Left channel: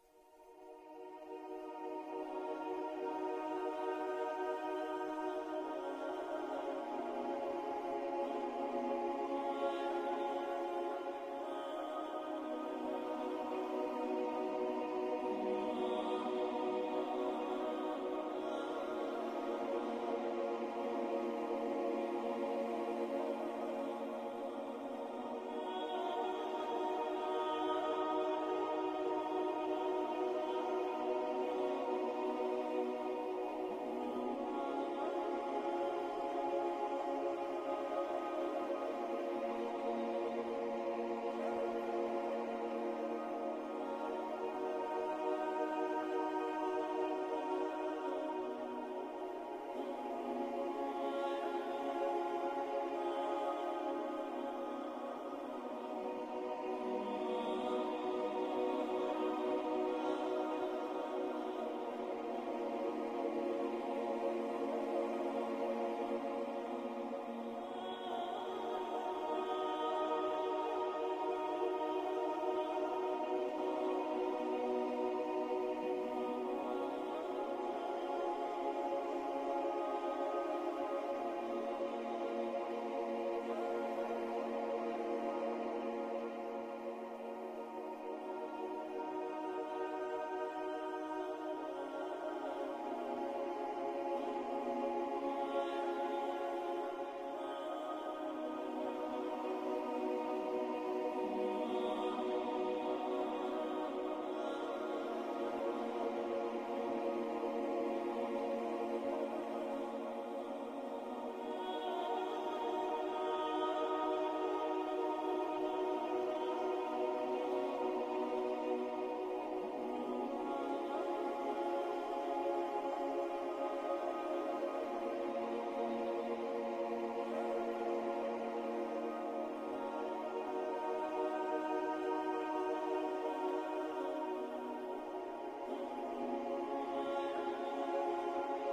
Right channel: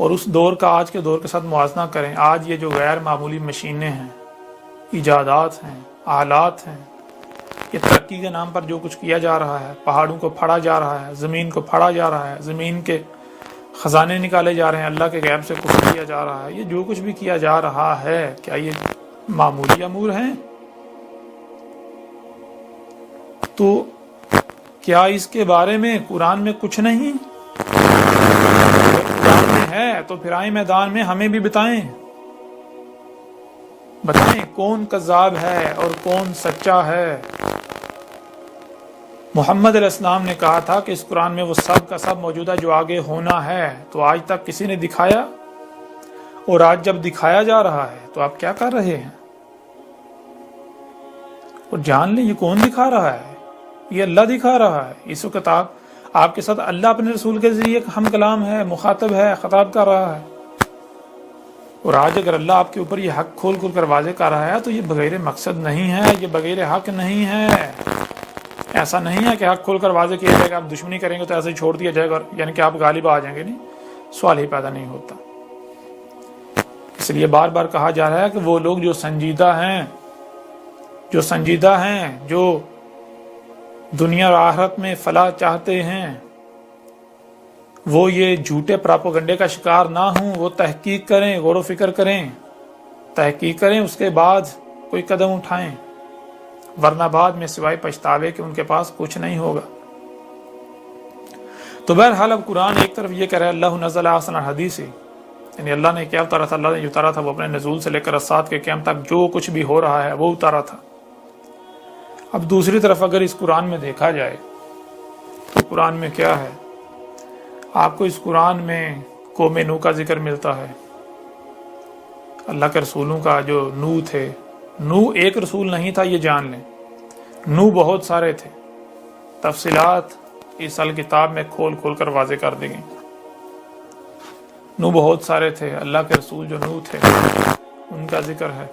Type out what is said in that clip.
اور اس دور کا آج کے دور کے ساتھ موازنہ کریں. آج یہ جو غیر معمولی مشینیں ہیں، ایجادات ہیں، آلات ہیں، یہ ترقی کے نام پر جو کچھ کیا جا رہا ہے، پہاڑوں کو پھاڑا جا رہا ہے، زمین کو پھاڑا جا رہا ہے، زمین کے خزانے نکالے جا رہے ہیں، اللہ کے غیب سے کفر کیا جا رہا ہے، یہ جو کچھ بھی کیا جا رہا ہے، کیا یہ معمولی امور ہیں؟ تو کیا اس کے بارے میں قرآن میں کچھ نہیں؟ قرآن میں ہے تو پھر آئیں میدان میں ہمیں بھی بتائیں کون کذاب ہے اور کون سچا ہے. محمد علیہ السلام نے کہا تھا کہ اس قرآن میں وہ سب کا سب موجودہ جو آگے ہونا ہے، تو آج تک کسی نے دکھایا؟ اور آج جب دکھایا جا رہا ہے تو آپ کیا کر رہے ہیں؟ اور جان لیں یہ کون دکھا رہا ہے؟ یہ اللہ دکھا رہا ہے. اس وقت آپ کے ساتھ اللہ اپنے رسول کے ذریعے ہم کلام ہے، مخاطب ہے، خطاب کر رہا ہے. اور آج اگر اللہ آپ کے اوپر یہ حق کھول کر واضح کر رہا ہے تو یہ بغیر مقصد نہیں ہے، یہ بغیر حق نہیں ہے. ایسا نہیں ہے کہ حق کھول کر واضح کیا جائے گا، آپ دشمنی کریں گے تو ایسے ہی چھوڑ دیا جائے گا، یعنی کہ آپ غالب آ جائیں گے. نہیں، سوال ہی پیدا نہیں ہوتا. اس لیے بار بار کہا جا رہا ہے کہ وہ لوگ جو سنجیدہ ہیں، جو دنیا اور آخرت میں فلاح چاہتے ہیں، وہ یہ جھوٹے پراپوگنڈے کا شکار نہ ہوں. وہ تحقیق کریں، غور و فکر کریں، تحقیق کریں، اس کے بعد کوئی قدم اٹھائیں، ورنہ بعد میں سوائے پچھتاوے کہ ان کے پاس کچھ نہیں ہوگا. تو بہرحال اب قرآن ایک طرف یہ کہہ رہا ہے اللہ نزل احسن الحدیث، یعنی اللہ نے کیا اتارا تھا؟ اللہ نے اتارا تھا وہ اپنے نزول سے لے کر الساعۃ کے قیام تک جو کچھ بھی ہو رہا ہے وہ اتارا تھا. اب دوسری طرف اگر اس قرآن میں دیکھا جائے تو قرآن میں کیا ہے؟ آپ کو اس قرآن میں قوم نوح کا ذکر ملتا ہے، اللہ کے رسولوں کا جو نوح تھے. نوح ایک رسول نہیں تھا، یہ جان لیں. نوح بہت سارے تھے. تفصیلات اس کتاب میں کھول کر واضح کر دی گئی. نوح بہت سارے تھے. اللہ کے رسول جو نوح تھے ان کا ذکر ہے.